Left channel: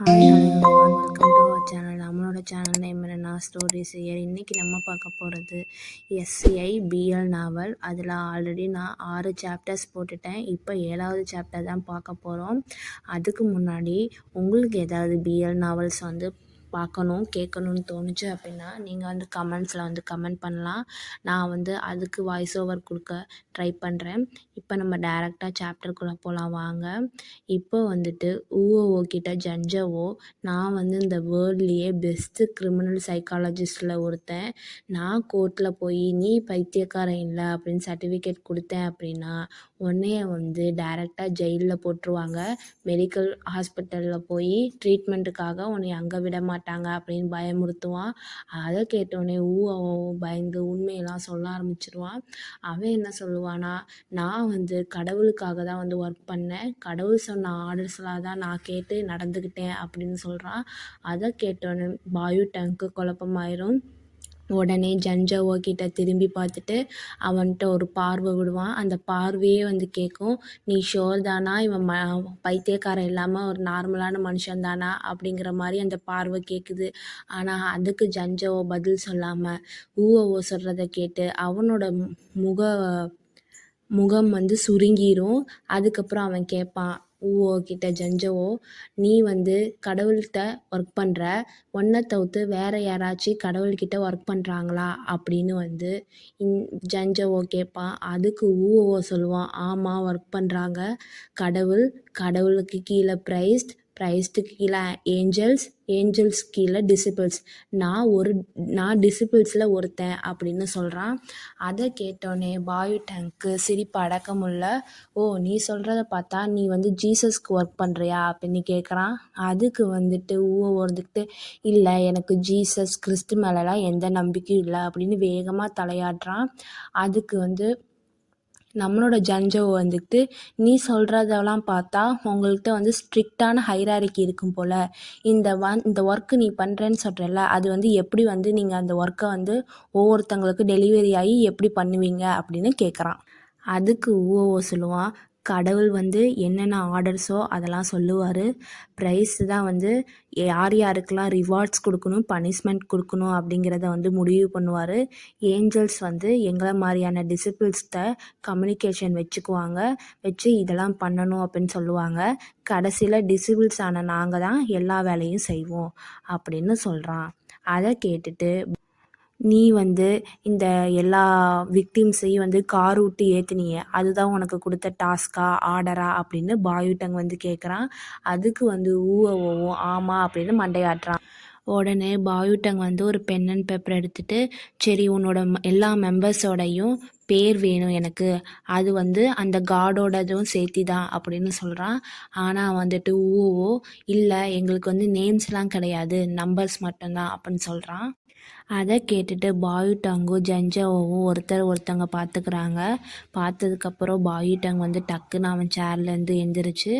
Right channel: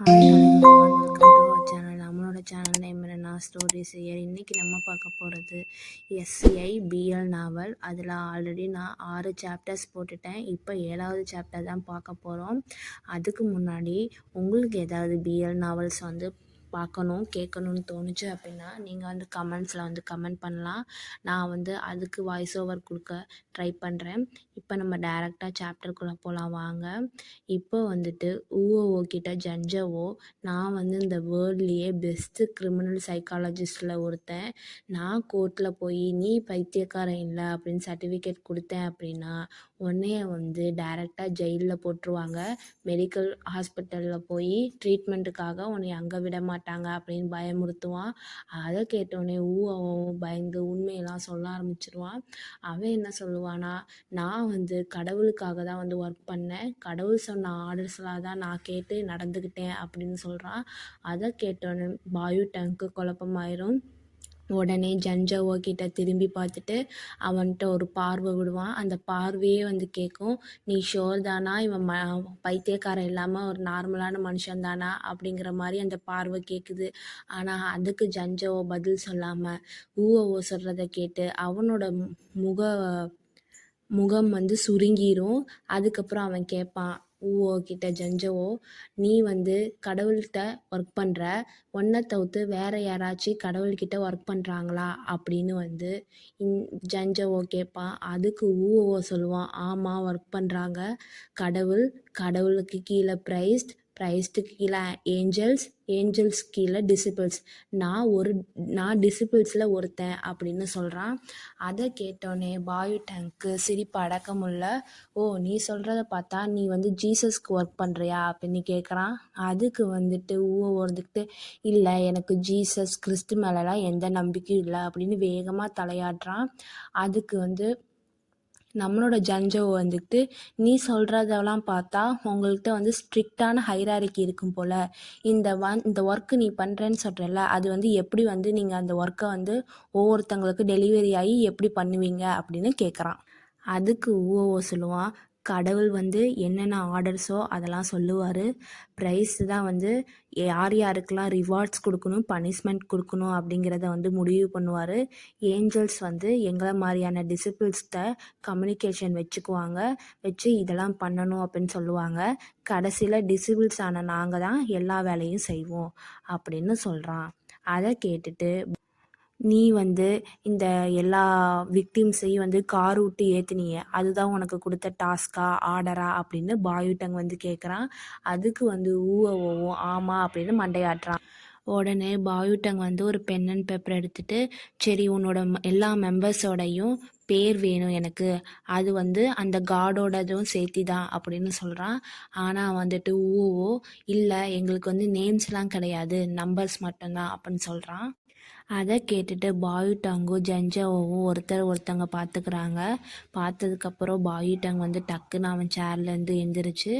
Hi hello everyone, welcome to our channel. நம்மளோட channel name என்னன்னா stories here. இன்றைக்கி நம்ம பார்க்க போகிறது எஸ்சிஐ பிஎல் நாவல். அதில் ஆல்ரெடி நான் 6 சாப்டர்ஸ் போட்டுட்டேன். இப்போ 7வது சாப்டர் தான் பார்க்க போகிறோம். அதுக்கு முன்னாடி உங்களுக்கு ஏதாவது பிஎல் நாவல்ஸ் பார்க்கணும் கேட்கணும்னு தோணுச்சு அப்படின்னா நீங்கள் கமெண்ட்ஸில் கமெண்ட் பண்ணலாம். நான் அதுக்கு வாய்ஸ் ஓவர் கொடுக்க ட்ரை பண்ணுறேன். இப்போ நம்ம டைரெக்டாக சாப்டருக்குள்ளே போகலாம் வாங்க. இப்போ ஊஓ கிட்ட ஜட்ஜவோ, நான் இந்த வேர்ல்ட்லேயே பெஸ்ட்டு கிரிமினல் சைக்காலஜிஸ்டில் ஒருத்தன், நான் கோர்ட்டில் போய் நீ பைத்தியக்காரன் இல்லை அப்படின்னு சர்டிஃபிகேட் கொடுத்தேன் அப்படின்னா உன்னைய டைரெக்டாக ஜெயிலில் போட்டுருவாங்க. மெடிக்கல் ஹாஸ்பிட்டலில் போய் ட்ரீட்மெண்ட்டுக்காக உன்னை அங்கே விட மாட்டாங்க அப்படின்னு பயமுறுத்துவான். அதை கேட்டோடனே அவன் பயந்து உண்மையெல்லாம் சொல்ல ஆரம்பிச்சிருவான். அவன் என்ன சொல்லுவானா, நான் கடவுளுக்காக தான் ஒர்க் பண்ணேன், கடவுள் சொன்ன ஆர்டர்ஸ்லாம் தான் நான் கேட்டு நடந்துக்கிட்டேன் அப்படின்னு சொல்கிறான். அதை கேட்டோன்னே பாயு டங்க்கு குழப்பமாயிரும். உடனே ஜன்ஜாவோ கிட்ட திரும்பி பார்த்துட்டு அவன்கிட்ட ஒரு பார்வை விடுவான். அந்த பார்வையே கேட்கும், நீ ஷோர் தானா இவன் பைத்தியக்காரன் இல்லாமல் ஒரு நார்மலான மனுஷன் தானா அப்படிங்கிற மாதிரி அந்த பார்வை கேட்குது. ஆனால் அதுக்கு ஜன்ஜாவோ பதில் சொல்லாமல் ஊஓ சொல்கிறத கேட்டு அவனோட முகம் சுருங்கிரும். அதுக்கப்புறம் அவன் கேட்பான் ஊஓ கிட்ட, ஜன்ஜாவோ நீ கடவுள்கிட்ட ஒர்க் பண்ணுற, ஒன்றை தவிர்த்து வேறு யாராச்சும் கடவுள்கிட்ட ஒர்க் பண்ணுறாங்களா அப்படின்னு ஜன்ஜாவோ கேட்பான். அதுக்கு ஊஓ சொல்லுவான், ஆமாம் ஒர்க் பண்ணுறாங்க. கடவுளுக்கு கீழே ப்ரைஸ்டுக்கு கீழே ஏஞ்சல்ஸ் கீழே டிசிபிள்ஸ், நான் டிசிபிள்ஸில் ஒருத்தன் அப்படின்னு சொல்கிறான். அதை கேட்டோன்னே பாயு டேங்க்கு சிரிப்பு அடக்க முடியல. ஓ, நீ சொல்கிறத பார்த்தா நீ ஜீசஸ்க்கு ஒர்க் பண்ணுறியா அப்படின்னு கேட்குறான். அதுக்கு ஊஓ இல்லை, எனக்கு ஜீசஸ் கிறிஸ்து மேலெலாம் எந்த நம்பிக்கையும் இல்லை அப்படின்னு வேகமாக தலையாட்டுறான். அதுக்கு நம்மளோட ஜன்ஜாவோ நீ சொல்கிறதெல்லாம் பார்த்தா உங்கள்கிட்ட ஸ்ட்ரிக்டான ஹைராரிக்கி இருக்கும் போல். இந்த ஒர்க்கு நீ பண்ணுறேன்னு சொல்கிறல்ல, அது எப்படி நீங்கள் அந்த ஒர்க்கை ஒவ்வொருத்தங்களுக்கு டெலிவரி ஆகி எப்படி பண்ணுவீங்க அப்படின்னு கேட்குறான். அதுக்கு ஊஓ சொல்லுவான், கடவுள் என்னென்ன ஆர்டர்ஸோ அதெல்லாம் சொல்லுவார். ப்ரைஸ் தான் யார் யாருக்கெல்லாம் ரிவார்ட்ஸ் கொடுக்கணும், பனிஷ்மெண்ட் கொடுக்கணும் அப்படிங்கிறத முடிவு பண்ணுவார். ஏஞ்சல்ஸ் எங்களை மாதிரியான டிசிபிள்ஸ்கிட்ட கம்யூனிகேஷன் வச்சு இதெல்லாம் பண்ணணும் அப்படின்னு சொல்லுவாங்க. கடைசியில் டிசிபிள்ஸ் ஆன நாங்கள் தான் எல்லா வேலையும் செய்வோம் அப்படின்னு சொல்கிறான். அதை கேட்டுட்டு நீ இந்த எல்லா விக்டிம்ஸையும் கார் விட்டு ஏற்றுனியே, அதுதான் உனக்கு கொடுத்த டாஸ்கா ஆர்டரா அப்படின்னு பாயுட்டங் கேட்குறான். அதுக்கு ஊஓவும் ஆமாம் அப்படின்னு மண்டையாட்டுறான். உடனே பாயுட்டங் ஒரு பென் அண்ட் பேப்பர் எடுத்துகிட்டு, சரி உன்னோட எல்லா மெம்பர்ஸோடையும் பேர் வேணும் எனக்கு, அது அந்த காடோடதும் சேர்த்தி தான் அப்படின்னு சொல்கிறான். ஆனால் ஊஓ இல்லை, எங்களுக்கு நேம்ஸ்லாம் கிடையாது, நம்பர்ஸ் மட்டும்தான் அப்படின்னு சொல்கிறான். அதை கேட்டுட்டு பாயுட்டாங்கும் ஜன்ஜாவோவும் ஒருத்தங்க பார்த்துக்கிறாங்க. பார்த்ததுக்கப்புறம் பாயுட்டாங் டக்குன்னு அவன் சேர்லேருந்து எந்திரிச்சு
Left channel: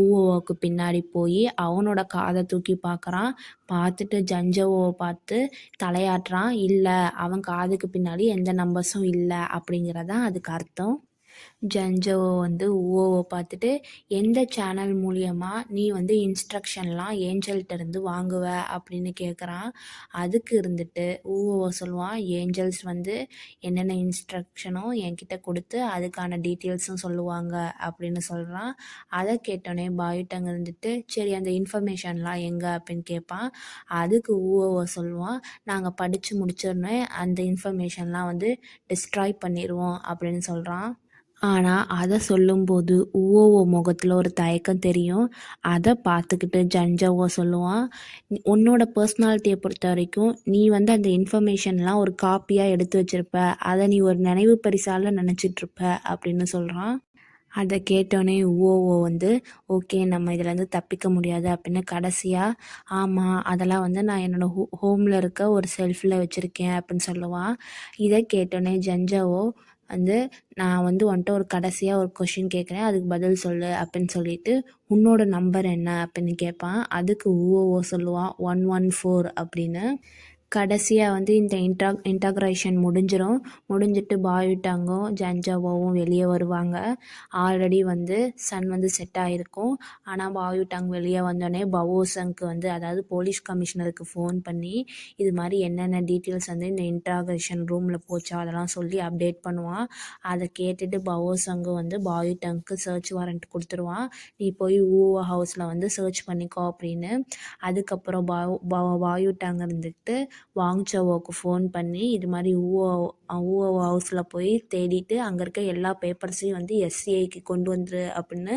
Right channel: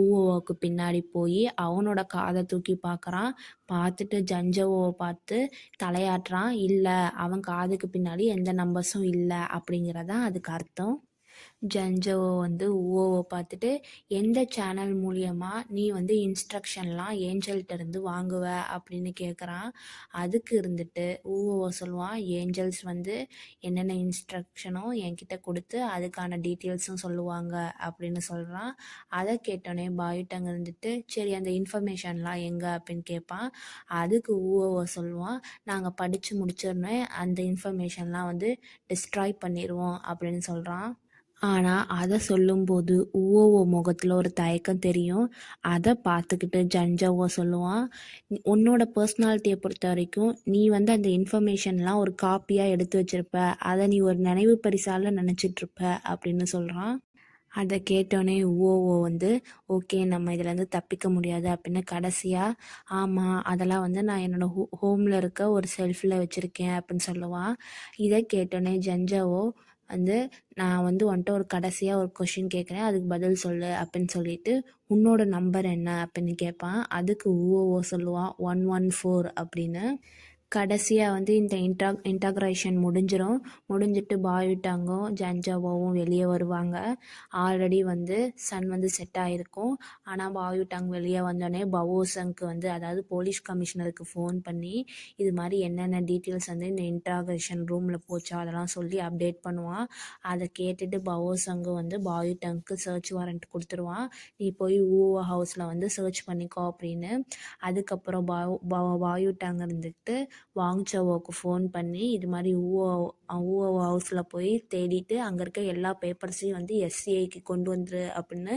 ஊஓவுக்கு பின்னாடி போய் அவனோட காதை தூக்கி பார்க்குறான். பார்த்துட்டு ஜன்ஜாவோவை பார்த்து தலையாட்டுறான். இல்லை, அவன் காதுக்கு பின்னாடி எந்த நம்பர்ஸும் இல்லை அப்படிங்கிறதான் அதுக்கு அர்த்தம். ஜன்ஜாவோ ஊஓவை பார்த்துட்டு, எந்த சேனல் மூலியமாக நீ இன்ஸ்ட்ரக்ஷன்லாம் ஏஞ்சல்கிட்ட இருந்து வாங்குவ அப்படின்னு கேட்குறான். அதுக்கு ஊஓ சொல்லுவான், ஏஞ்சல்ஸ் என்னென்ன இன்ஸ்ட்ரக்ஷனோ என்கிட்ட கொடுத்து அதுக்கான டீட்டெயில்ஸும் சொல்லுவாங்க அப்படின்னு சொல்கிறான். அதை கேட்டோன்னே பாயுட்டங்க சரி அந்த இன்ஃபர்மேஷன்லாம் எங்கே அப்படின்னு கேட்பான். அதுக்கு ஊஓ சொல்லுவான், நாங்கள் படித்து முடிச்சோடனே அந்த இன்ஃபர்மேஷன்லாம் டிஸ்ட்ராய் பண்ணிடுவோம் அப்படின்னு சொல்கிறான். ஆனால் அதை சொல்லும்போது ஊஓ முகத்தில் ஒரு தயக்கம் தெரியும். அதை பார்த்துக்கிட்டு ஜன்ஜாவோ சொல்லுவான், உன்னோட பர்சனாலிட்டியை பொறுத்த வரைக்கும் நீ அந்த இன்ஃபர்மேஷன்லாம் ஒரு காப்பியாக எடுத்து வச்சுருப்ப, அதை நீ ஒரு நினைவு பரிசால நினச்சிட்ருப்ப அப்படின்னு சொல்கிறான். அதை கேட்டோன்னே ஊஓ ஓகே, நம்ம இதிலேருந்து தப்பிக்க முடியாது அப்படின்னு கடைசியாக, ஆமாம் அதெல்லாம் நான் என்னோடய ஹோமில் இருக்க ஒரு செல்ஃபில் வச்சுருக்கேன் அப்படின்னு சொல்லுவான். இதை கேட்டோன்னே ஜன்ஜாவோ நான் உன்கிட்ட ஒரு கடைசியாக ஒரு கொஷின் கேட்குறேன், அதுக்கு பதில் சொல்லு அப்படின்னு சொல்லிட்டு, உன்னோட நம்பர் என்ன அப்படின்னு கேட்பான். அதுக்கு ஊஓ சொல்லுவான் 114 அப்படின்னு. கடைசியாக வந்து இந்த இன்டக்ரேஷன் முடிஞ்சிட்டு பாயுட்டாங்கும் ஜன்ஜாவோவும் வெளியே வருவாங்க. ஆல்ரெடி வந்து சன் வந்து செட் ஆகிருக்கும். ஆனால் பாயுட்டாங் வெளியே வந்தோடனே பவோசங்க்கு வந்து அதாவது போலீஸ் கமிஷனருக்கு ஃபோன் பண்ணி இது மாதிரி என்னென்ன டீட்டெயில்ஸ் வந்து இந்த இன்டக்ரேஷன் ரூமில் போச்சோ அதெல்லாம் சொல்லி அப்டேட் பண்ணுவான். அதை கேட்டுட்டு பவோசங்கு வந்து பாயுட்டாங்க்கு சர்ச் வாரண்ட் கொடுத்துருவான். நீ போய் ஊவோ ஹவுஸில் வந்து சர்ச் பண்ணிக்கோ அப்படின்னு. அதுக்கப்புறம் பாயுட்டாங் இருந்துக்கிட்டு வாங்சோவோக்கு ஃபோன் பண்ணி இது மாதிரி ஊவோ ஹவுஸில் போய் தேடிட்டு அங்கே இருக்க எல்லா பேப்பர்ஸையும் வந்து எஸ்சிஐக்கு கொண்டு வந்துரு அப்படின்னு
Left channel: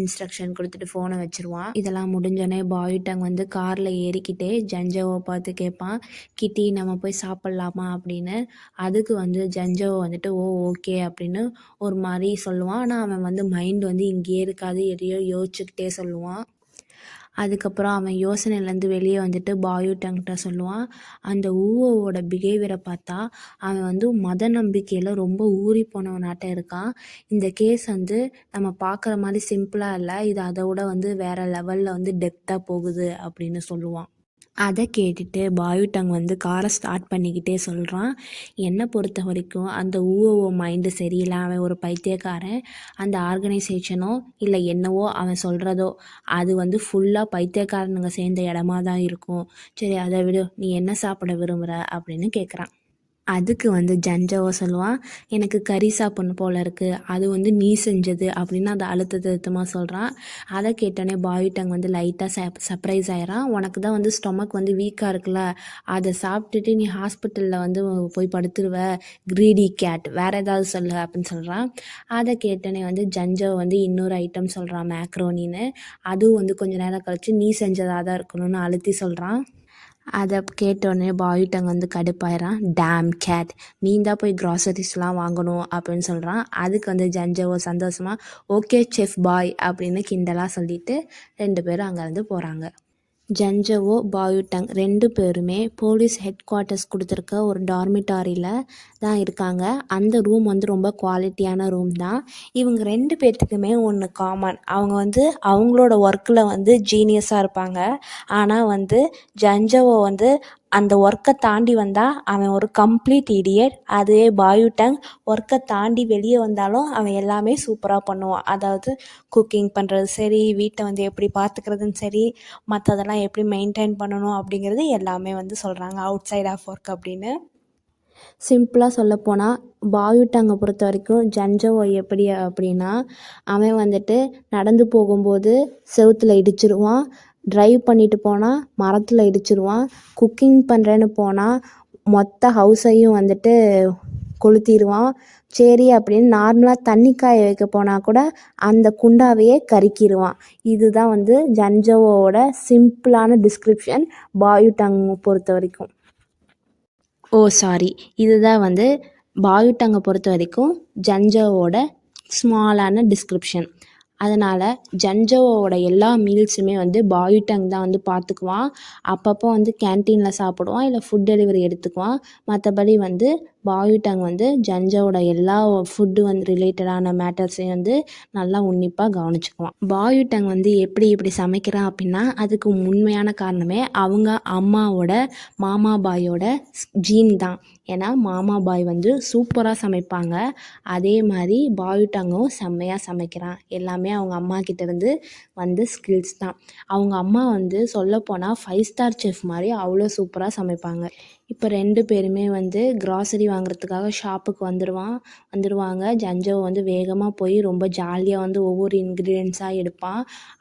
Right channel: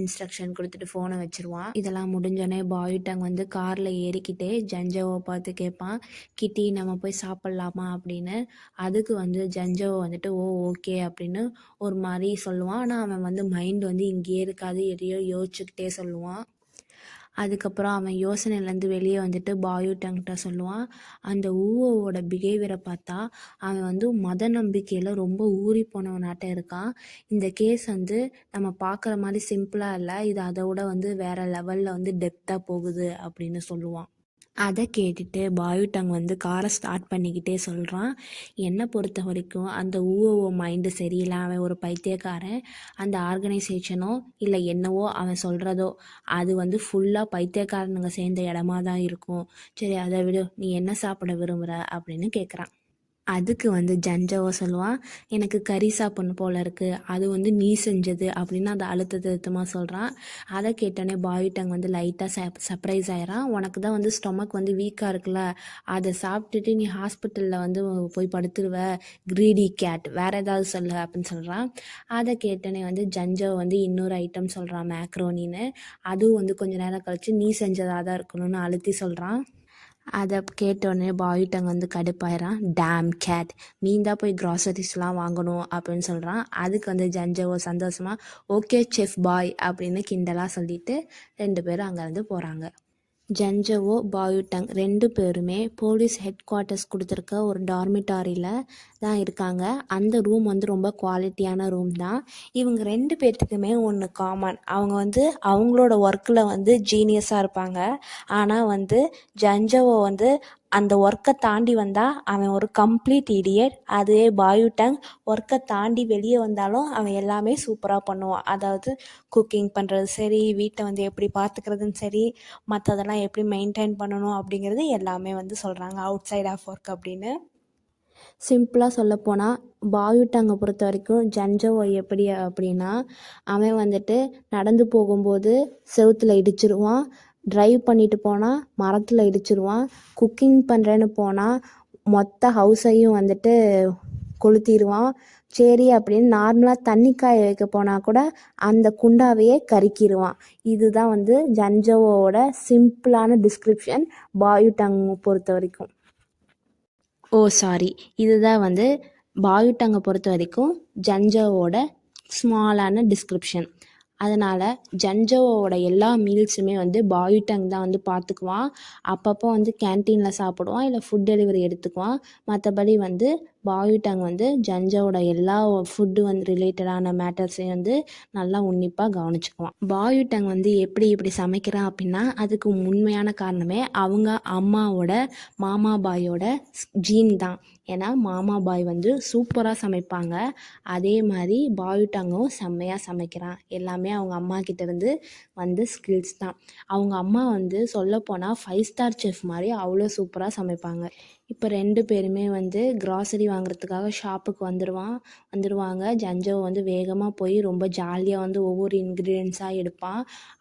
இன்ஸ்ட்ரக்ஷன் கொடுத்துட்டு ஃபோனை வச்சுருவான். இதெல்லாம் முடிஞ்சோடனே பாயுட்டாங் வந்து காரில் ஏறிக்கிட்டே ஜன்ஜோவை பார்த்து கேட்பான், கிட்டி நம்ம போய் சாப்பிட்லாமா அப்படின்னு. அதுக்கு வந்து ஜன்ஜோவை வந்துட்டு ஓகே அப்படின்னு ஒரு மாதிரி சொல்லுவான். ஆனால் அவன் வந்து மைண்ட் வந்து இங்கேயே இருக்காது, எதையோ யோசிச்சுக்கிட்டே சொல்லுவான். அதுக்கப்புறம் அவன் யோசனையிலேருந்து வெளியே வந்துட்டு பாயுட்டாங்கிட்ட சொல்லுவான், அந்த ஊவோட பிஹேவியரை பார்த்தா அவன் வந்து மத நம்பிக்கையில் ரொம்ப ஊறி போனவனாட்டம் இருக்கான். இந்த கேஸ் வந்து நம்ம பார்க்குற மாதிரி சிம்பிளாக இல்லை, இது அதை விட வந்து வேறு லெவலில் வந்து டெப்த்தாக போகுது அப்படின்னு சொல்லுவான். அதை கேட்டுட்டு பாயுட்டாங் வந்து காரை ஸ்டார்ட் பண்ணிக்கிட்டே சொல்கிறான், என்னை பொறுத்த வரைக்கும் அந்த ஊஓ மைண்டு சரியில்லை, அவன் ஒரு பைத்தியக்காரன். அந்த ஆர்கனைசேஷனோ இல்லை என்னவோ அவன் சொல்கிறதோ அது வந்து ஃபுல்லாக பைத்தியக்காரனுங்க சேர்ந்த இடமா தான் இருக்கும். சரி அதை விடு, நீ என்ன சாப்பிட விரும்புகிற அப்படின்னு கேட்குறான். அதுக்கு வந்து ஜன்ஜோவை சொல்லுவான், எனக்கு கறி சாப்பிட்ணும் போல இருக்குது, அது வந்து நீ செஞ்சது அப்படின்னு அதை அழுத்தமாக சொல்கிறான். அதை கேட்டோடனே பாயுட்டாங் வந்து லைட்டாக சர்ப்ரைஸ் ஆகிறான். உனக்கு தான் வந்து ஸ்டொமக் வந்து வீக்காக இருக்குல்ல, அதை சாப்பிட்டுட்டு நீ ஹாஸ்பிட்டலில் வந்து போய் படுத்துருவ, க்ரீடி கேட், வேறு ஏதாவது சொல்லு அப்படின்னு சொல்கிறான். அதை கேட்டோடனே வந்து ஜன்ஜோ வந்து இன்னொரு ஐட்டம் சொல்கிறான், மேக்ரோனின்னு. அதுவும் வந்து கொஞ்சம் நேரம் கழித்து நீ செஞ்சதாக தான் இருக்கணும்னு அழுத்தி சொல்கிறான். அதை கேட்டோடனே பாயுட்டாங் வந்து கடுப்பாயிரான், டேம் கேட், நீ தான் போய் க்ராசரிஸ்லாம் வாங்கணும் அப்படின்னு சொல்கிறான். அதுக்கு வந்து ஜன்ஜோவோ சந்தோஷமாக ஓகே செஃப் பாய் அப்படின்னு கிண்டலாக சொல்லிட்டு 2 பேரும் அங்கேருந்து போகிறாங்க. ஜன்ஜோவோ பாயுட்டாங் 2 பேருமே போலீஸ் ஹெட் குவார்ட்டர்ஸ் கொடுத்துருக்க ஒரு டார்மிட்டாரியில் தான் இருக்காங்க. அந்த ரூம் வந்து ரொம்ப குவாலிட்டியான ரூம் தான். இவங்க 2 பேர்த்துக்குமே ஒன்று காமன், அவங்க வந்து அவங்களோட ஒர்க்கில் வந்து ஜீனியஸாக இருப்பாங்க. ஆனால் வந்து ஜன்ஜோவோ வந்து அந்த ஒர்க்கை தாண்டி வந்தால் அவன் ஒரு கம்ப்ளீட் இடியட். அதுவே பாயுட்டாங் ஒர்க்கை தாண்டி வெளியே வந்தாலும் அவன் எல்லாமே சூப்பராக பண்ணுவான். அதாவது குக்கிங் பண்ணுறது சரி, வீட்டை வந்து எப்படி பார்த்துக்கிறதுன்னு சரி, மற்றதெல்லாம் எப்படி மெயின்டைன் பண்ணணும் அப்படிங்கிறது எல்லாமே வந்து சொல்கிறாங்க அவுட் சைட் ஆஃப் ஒர்க் அப்படின்னு. சிம்பிளாக சொல்லப்போனால் பாயுட்டாங்கை பொறுத்த வரைக்கும் ஜன்ஜோவோ எப்படி அப்படின்னா, அவன் வந்துட்டு நடந்து போகும்போது செவுத்தில் இடிச்சிருவான், ட்ரைவ் பண்ணிட்டு போனால் மரத்தில் இடிச்சிருவான், குக்கிங் பண்ணுறேன்னு போனால் மொத்த ஹவுஸையும் வந்துட்டு கொளுத்திடுவான். சரி அப்படின்னு நார்மலாக தண்ணி காய வைக்க போனால் கூட அந்த குண்டாவையே கருக்கிடுவான். இதுதான் வந்து ஜன்ஜோவோட சிம்பிளான டிஸ்கிரிப்ஷன் பாயுட்டாங் பொறுத்த வரைக்கும். சாரி, இதுதான் வந்து பாயுட்டாங்கை பொறுத்த வரைக்கும் ஜன்ஜோவோட ஸ்மாலான டிஸ்கிரிப்ஷன். அதனால் ஜன்ஜோவோட எல்லா மீல்ஸுமே வந்து பாயுட்டாங் தான் வந்து பார்த்துக்குவான். அப்பப்போ வந்து கேன்டீனில் சாப்பிடுவான், இல்லை ஃபுட் டெலிவரி எடுத்துக்குவான். மற்றபடி வந்து பாயுட்டாங் வந்து ஜன்ஜோவோட எல்லா ஃபுட்டு வந்து ரிலேட்டடான மேட்டர்ஸையும் வந்து நல்லா உன்னிப்பாக கவனிச்சுக்குவான். பாயுட்டாங் வந்து இப்படி சமைக்கிறான் அப்படின்னா அதுக்கு உண்மையான காரணமே அவங்க அம்மாவோட மாமா பாயோட ஜீன் தான். ஏன்னா மாமா பாய் வந்து சூப்பராக சமைப்பாங்க, அதே மாதிரி பாயுட்டாங்கும் செம்மையாக சமைக்கிறான். எல்லாமே அவங்க அம்மா கிட்டேருந்து வந்து ஸ்கில்ஸ் தான். அவங்க அம்மா வந்து சொல்லப்போனால் 5 ஸ்டார் செஃப் மாதிரி அவ்வளோ சூப்பராக சமைப்பாங்க. இப்போ 2 பேருமே வந்து க்ராசரி வாங்குறதுக்காக ஷாப்புக்கு வந்துடுவாங்க. ஜன்ஜோ வந்து வேகமாக போய் ரொம்ப ஜாலியாக வந்து ஒவ்வொரு இன்க்ரீடியன்ஸாக எடுப்பான்.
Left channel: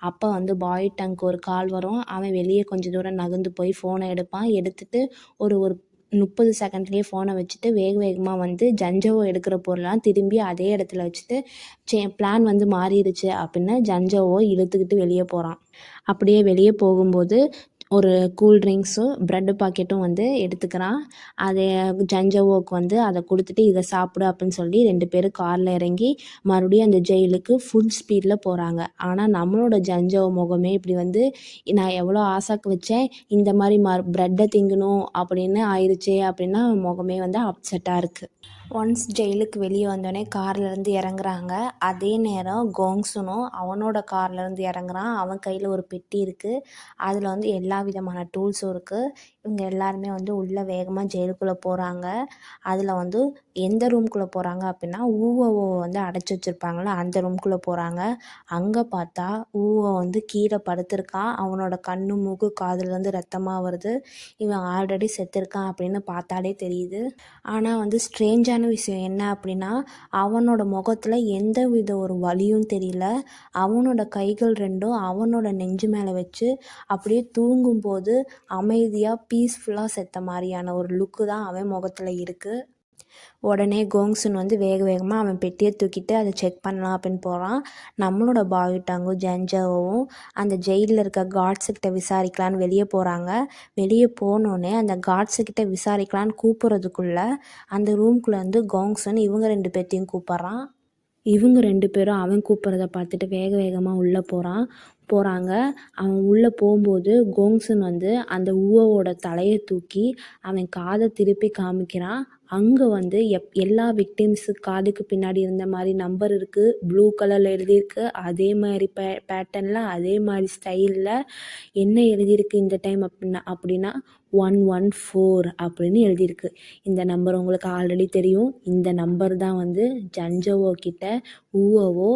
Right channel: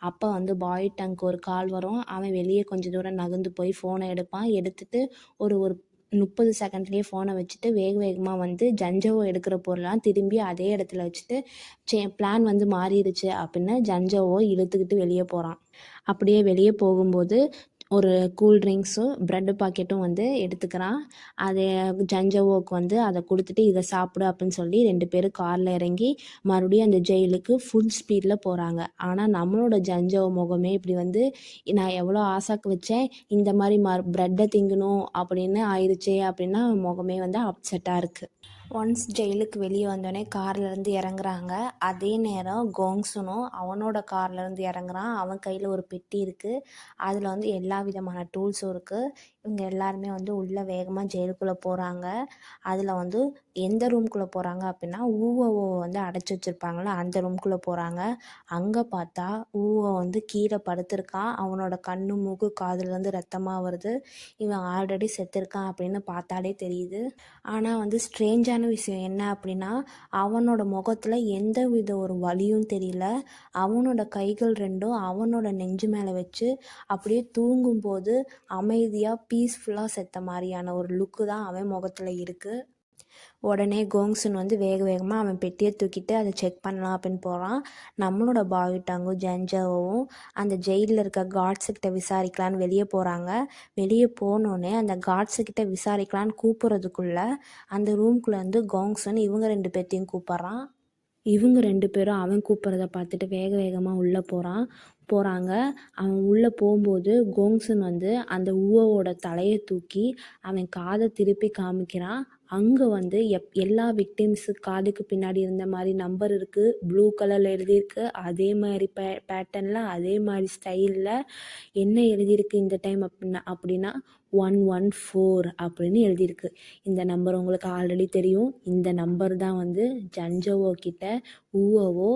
அப்போ வந்து பாயுட்டாங்க்கு ஒரு கால் வரும். அவன் வெளியே கொஞ்சம் தூரம் நகர்ந்து போய் ஃபோனை எடுப்பான். எடுத்துகிட்டு ஒரு 30 செகண்ட்லேயே ஃபோனை வச்சுட்டு வேகமாக வந்து ஜன்ஜோவை எடுக்கிற பொருளாம் திரும்பி அதே இடத்துல வச்சுட்டு பிளான் வந்து மாறிடுச்சு அப்படின்னு ஜன்ஜோவை இழுத்துக்கிட்டு வெளியே போகிறான். அப்படியே வெளியே போகும்போது ஒரு கூல் ட்ரிங்க்ஸும் ப்ரெட்டு பாக்கெட்டும் வந்து எடுத்துக்கிறான். அதை ஜன்ஜோவோக்கு வந்து அதை கொடுத்துட்டு இதை சாப்பிடு அப்படின்னு சொல்லி 2 பேரும் காரில் இறங்கி மறுபடியும் அந்த ஜெயிலுக்கு ஃபுல் ஸ்பீடில் போகிறாங்க. ஆனால் நம்மளோட ஜன்ஜோவோ முகமே இப்படி வந்து நான் எவ்வளோ ஆசைக்கு வச்சேன், இந்த மாதிரி ப்ரெட்டை திங்கணும் அப்படின்னு ஆயிடுச்சே அப்படின்னா முகமே வந்து அப்செட்டாக இருக்குது. ஒன்ஸ் ஜெயிலுக்கு வெளியே வந்தோடனே கார்லேருந்து இறங்குறாங்க. அதே நேரம் கோங்ஸுனும் அவனோட கார்லேருந்து இறங்குறான். அவன் கையில் ஒரு பெட்டி இருக்குது. அதில் வந்து எல்லா விதமான டூல்ஸும் இருக்குது. இவங்க எல்லாருமே வந்து உள்ளே வேகமாக ஜெயிலுக்குள்ளே போகிறாங்க. அதில் வந்து எந்த ரூம்குள்ளே போகிறாங்க அப்படின்னா ஊவோவை வந்து அடைச்சி வச்சுருப்பாங்கள அந்த ரூம்குள்ளே போகிறாங்க. அங்கே பார்த்தா ஊவோ வந்து கீழே படுத்திருக்கான். அவனோட கண்ணு மூக்கு காதுலேருந்து ரத்தமாக வருது. இவன் ஆல்ரெடி செத்துருக்கான் அப்படின்னு பார்த்தாலே தெரியுது. ஆனால் வந்து ஸ்ட்ரேஞ்சான விஷயம் என்ன அப்படின்னா அவனோட முகத்தில் எந்த வித ஒரு வலியும் தெரியல. அவனோட கைகள் ரெண்டும் அவனோட நெஞ்சு மேலே வச்சு அப்படியே தூங்கும்போது அமைதியாக பீஸ்ஃபுல்லாக செத்த மாதிரியான ஒரு லுக்கு தான் அவன் முகத்தில் இருக்குது. உடனே கோங்ஸுன் வந்து வேக வேகமாக அவன் பெட்டியை தூக்கிட்டு அதை செக் பண்ணலாம் அப்படின்னு போகிறான். நம்மளோட பாயுட்டாங்கும் ஜென்ஜாவும் அந்த ஜெயிலில் இருக்க கார்ட்ஸுக்கிட்ட விசாரிக்கலான்னு வெளியே போகிறாங்க. வெளியே போனோடனே அந்த கார்ட்ஸுக்கிட்ட விசாரிக்கலான்னு கூப்பிட்றதுக்குள்ளே அந்த ரூம்குள்ளே வந்து கோங்ஸுன் இவங்க 2 பேர்த்தையும் கூப்பிட்றான். இவங்க 2 பேரும் அவன் கூப்பிட்றத பார்த்துட்டு வேக வேகமாக உள்ளே போகிறாங்க. அவன் உள்ளே போகும்போது கோங்ஸுன் வந்து அந்த ஊவோட தலையை தூக்கி அவன் காதை திருப்பி காமிக்கிறான். அங்கே வந்து எல்லா விக்டிம்ஸு காதுக்கு பின்னாடி இருந்த மாதிரி நம்பர் இருக்குது. ப்ளூ கலரில் எழுதியிருக்கு. அதே மாதிரி பேட்டர்னில் அதே மாதிரி ஸ்டைலில் என்ன எழுதியிருக்கு இந்த டைம் அப்படின்னா 114 அப்படின்னு எழுதியிருக்கு. இந்த நம்பர் உங்களுக்கு ஆல்ரெடி தெரியும். இந்த நம்பர் தான் வந்து ஜன்ஜோவோ கிட்ட ஊவோவோ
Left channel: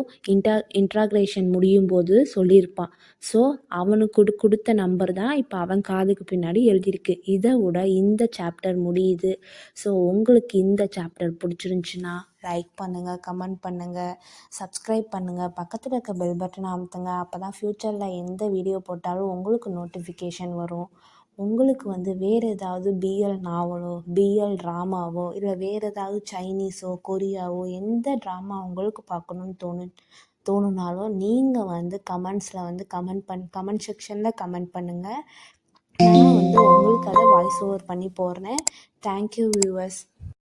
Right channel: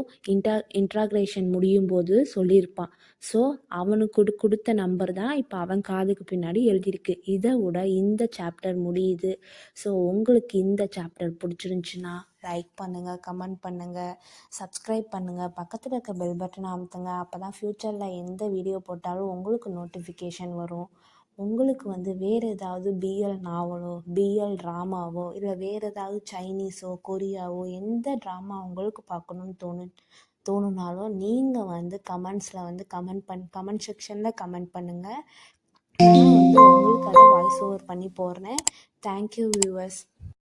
இன்ட்ராக்ரேஷன் முடியும் போது சொல்லியிருப்பான். ஸோ அவனுக்கு கொடுத்த நம்பர் தான் இப்போ அவன் காதுக்கு பின்னாடி எழுதியிருக்கு. இதை விட இந்த சாப்டர் முடியுது. ஸோ உங்களுக்கு இந்த சாப்டர் பிடிச்சிருந்துச்சுன்னா லைக் பண்ணுங்கள், கமெண்ட் பண்ணுங்கள், சப்ஸ்கிரைப் பண்ணுங்கள், பக்கத்தில் இருக்க பெல் பட்டனை அமுத்துங்க. அப்போ தான் ஃப்யூச்சரில் எந்த வீடியோ போட்டாலும் உங்களுக்கு நோட்டிஃபிகேஷன் வரும். உங்களுக்கு வந்து வேறு ஏதாவது பிஎல் நாவலோ பிஎல் ட்ராமாவோ இல்லை வேறு ஏதாவது சைனீஸோ கொரியாவோ எந்த ட்ராமா உங்களுக்கு பார்க்கணுன்னு தோணுனாலும் நீங்கள் வந்து கமெண்ட்ஸில் வந்து கமெண்ட் செக்ஷனில் கமெண்ட் பண்ணுங்கள். நான் வந்து உங்களுக்கு அதை வாய்ஸ் ஓவர் பண்ணி போடுறேன். Thank you viewers.